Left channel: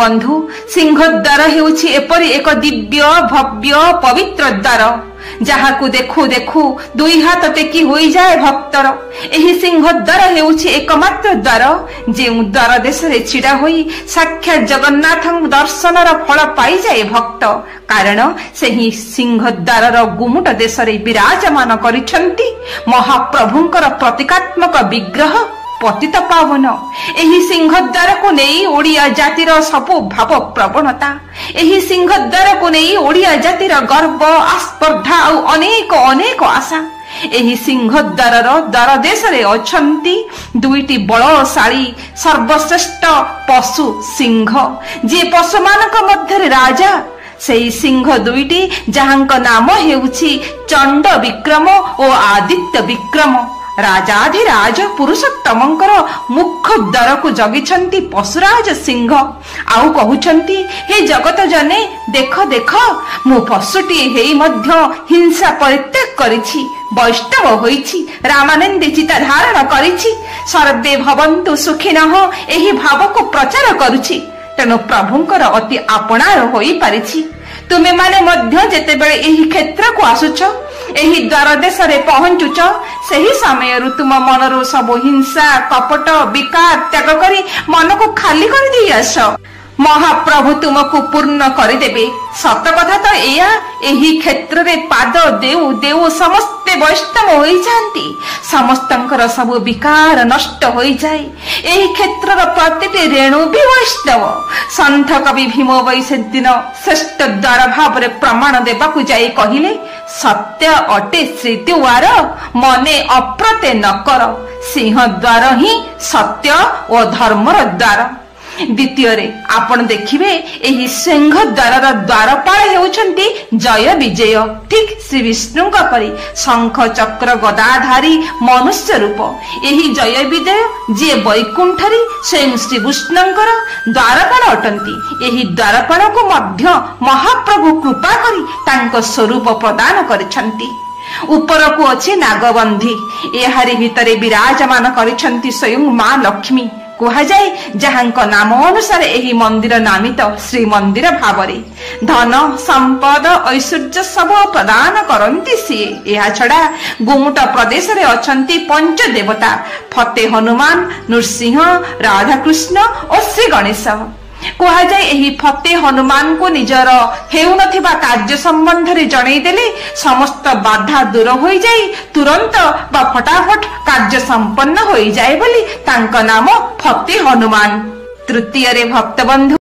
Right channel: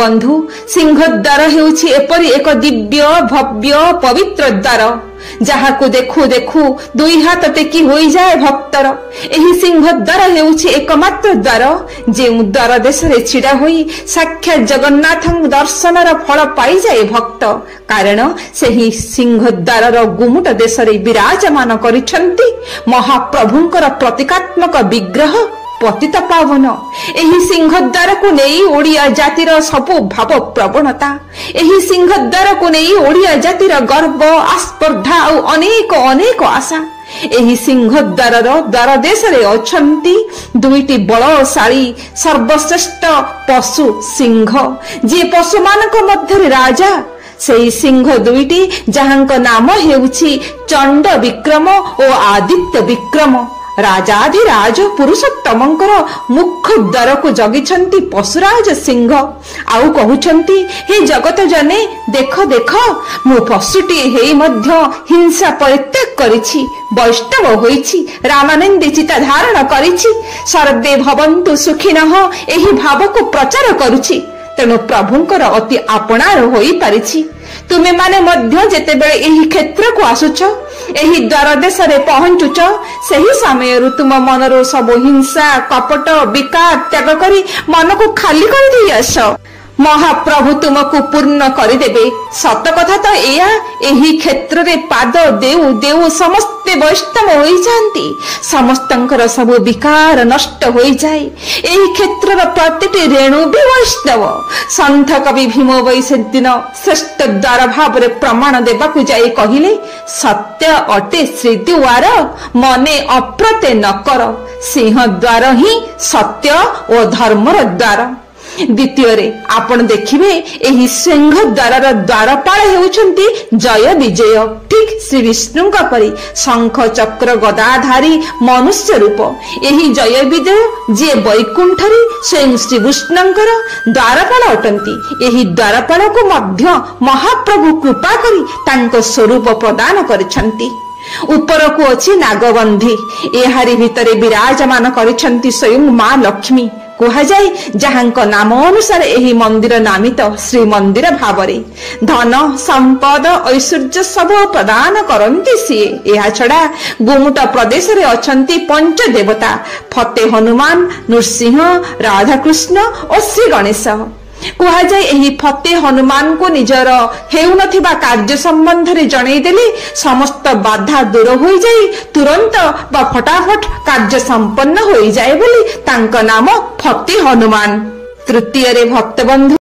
ବନ୍ଧୁ, ସିଂହଦ୍ୱାର ହେଉଛି ଏପରି ଏକ ଦିବ୍ୟ ଭବ୍ୟ ପବିତ୍ର ଦ୍ୱାର ଯାହାକୁ ଦେଖୁ ଦେଖୁ ଦୁଇ ହାତ ଟେକି ହୋଇଯାଏ ଭକ୍ତର। ଏହି ସିଂହଦ୍ୱାର ହେଉଛି ଏକମାତ୍ର ଦ୍ୱାର ଯେଉଁ ଦ୍ୱାର ଦେଶରେ ଛିଡ଼ା ହୋଇ ସାକ୍ଷାତ ଜଗନ୍ନାଥଙ୍କ ଦର୍ଶନର ଫଳ ପାଇଯାଏ ଭକ୍ତ। କାରଣ ସେହି ସିଂହଦ୍ୱାରର ଗୁମୁଟ ଦେଶରେ ବିରାଜମାନ କରିଛନ୍ତି ମହାପ୍ରଭୁଙ୍କର ପ୍ରତୀକାତ୍ମକ ବିଗ୍ରହ ପତିତ ପାବନ। ଏହି ସିଂହଦ୍ୱାରକୁ ନେଇ ଓଡ଼ିଆ ଜାତିର ସବୁ ଭାବ ପ୍ରବଣତା, ଏହି ସିଂହଦ୍ୱାରକୁ ନେଇ ଓଡ଼ିଆ ଜାତିର ଗର୍ବ ଆସ୍ପର୍ଦ୍ଧା ଆଉ ଅନେକ ଅନେକ ଆଶା। ଏହି ସିଂହଦ୍ୱାରର ଦ୍ୱାର ଦେଶରେ ଅଛନ୍ତି ଦୁଇଟି ବଳଶାଳୀ ସର୍ବଶ୍ରେଷ୍ଠ ପଶୁ ସିଂହ, ଯିଏ ପଶୁମାନଙ୍କ ମଧ୍ୟରେ ରାଜା। ସେହି ସିଂହ ଦୁଇଟି ଯାହାଙ୍କ ନାମ ହେଉଛି ଚଣ୍ଡ ବିକ୍ରମ ଓ ଆଦିତ୍ୟ ବିକ୍ରମ। ରାଜାଧିରାଜ ପୁରୁଷୋତ୍ତମଙ୍କର ମୁଖ ଦ୍ୱାରକୁ ଜଗିଛନ୍ତି ପଶୁରାଜ ସିଂହ। ଆଉ କହୁଛନ୍ତି, ହେ ଜଗତ ଜନେ ଦେଖ ଦେଖ, ମୁଁ ପଶୁଟିଏ ହେଇ ମଧ୍ୟ ହିଂସା ପରିତ୍ୟାଗ କରିଛି, ବୈଷ୍ଣବ ହୋଇଛି, ରାମାନନ୍ଦୀ ଚିତା ଧାରଣ କରିଛି, ସର୍ବେ ଭବନ୍ତୁ ସୁଖିନଃ ଏହି ଭାବକୁ ପ୍ରଚାର କରୁଛି। ତେଣୁ ପ୍ରଭୁଙ୍କର ଅତି ଆପଣାର ହୋଇପାରିଛି। ତୁମେମାନେ ମଧ୍ୟ ଯେତେବେଳେ ଏହି କ୍ଷେତ୍ରକୁ ଆସୁଛ, ଏହି ଦ୍ୱାର ଦେଶରେ ପହଞ୍ଚୁଛ, ସେହି ସମୟରୁ ତୁମ ମନରୁ ସବୁ ହିଂସା କପଟ ବିକାର ତ୍ୟାଗ କରି ମନକୁ ଖାଲି କରିଦେଇ ଆସ। ମହାପ୍ରଭୁ ତୁମକୁ ପୂର୍ଣ୍ଣ କରିଦେବେ। ସତ କଥା ତ ଏୟା, ଏହି କ୍ଷେତ୍ରରେ ପାଦ ଦେଉ ଦେଉ ସମସ୍ତେ ବୈଷ୍ଣବ ହୋଇଯାଆନ୍ତି, ସମସ୍ତଙ୍କର ସବୁ ବିକାର ନଷ୍ଟ ହୋଇଯାଏ। ଏହି କ୍ଷେତ୍ରର ପ୍ରତିଟି ରେଣୁ ବି ବୈଷ୍ଣବ। ସନ୍ଥ କବି ଭୀମ ବୈଶେଦିନ ଶ୍ରେଷ୍ଠ ଦ୍ୱାର ଭାବରେ ପ୍ରମାଣ ଦେବାକୁ ଯାଇ କହିଲେ, ସତ୍ୟ ଅଟେ ଶ୍ରୀଦ୍ୱାର ମନେ ଅପ୍ରତେ ନ କର, ସିଂହ ଦ୍ୱାର ହିଁ ସତ୍ୟ ଓ ଧର୍ମର ଦ୍ୱାର। ଦ୍ୱିତୀୟରେ ଆପଣ ଦେଖିବେ ଏହି ସିଂହ ଦ୍ୱାରର ଦ୍ୱାରପାଳ ହେଉଛନ୍ତି ଜୟ ବିଜୟ, ଠିକ୍ ଶ୍ରୀ ବିଷ୍ଣୁଙ୍କ ପରି ଶଙ୍ଖ ଚକ୍ର ଗଦାଧାରୀ ମନୁଷ୍ୟ ରୂପ। ଏହି ଜୟ ବିଜୟ ଯିଏ ବୈକୁଣ୍ଠରେ ସ୍ୱୟଂ ଶ୍ରୀକୃଷ୍ଣଙ୍କର ଦ୍ୱାରପାଳ ଅଟନ୍ତି। ଏହି ଦ୍ୱାରପାଳକୁ ମଧ୍ୟ ମହାପ୍ରଭୁ କୃପା କରି ତାଙ୍କ ସ୍ୱରୂପ ପ୍ରଦାନ କରିଛନ୍ତି। ଉପରକୁ ଅଛି ନାଗବନ୍ଧୀ, ଏହାରି ଭିତରେ ବିରାଜମାନ କରିଛନ୍ତି ସ୍ୱୟଂ ମା ଲକ୍ଷ୍ମୀ। କୁହାଯାଏ ଯାହାଙ୍କ ନାମ ଅନୁସାରେ ଏହି ମନ୍ଦିର ନାମିତ ଶ୍ରୀମନ୍ଦିର ଭାବରେ। ଧନ ସମ୍ପଦ ଐଶ୍ୱର୍ଯ୍ୟ ସବୁ ପ୍ରଦାନ କରନ୍ତି ସିଏ। ଏହା ଛଡା ଗୁମୁଟ ପ୍ରଦେଶରେ ଅଛନ୍ତି ପଞ୍ଚ ଦେବତା ଫତେ ହନୁମାନ, ନୃସିଂହ, ରାଧାକୃଷ୍ଣ ଓ ଶ୍ରୀ ଗଣେଶ। କୁହାଯାଏ ଏହି ଫତେ ହନୁମାନଙ୍କୁ ନିଜର ହେଉନଥିବା କାର୍ଯ୍ୟ ସମ୍ବନ୍ଧରେ ଜଣେଇଦେଲେ ସମସ୍ତ ବାଧା ଦୂର ହୋଇଯାଇ ତୁରନ୍ତ ବା ଫଟାଫଟ କାର୍ଯ୍ୟ ସମ୍ପନ୍ନ ହୋଇଯାଏ ବୋଲି ତାଙ୍କ ନାମ ଫତେ ହନୁମାନ। ତୃତୀୟରେ ଭକ୍ତବନ୍ଧୁ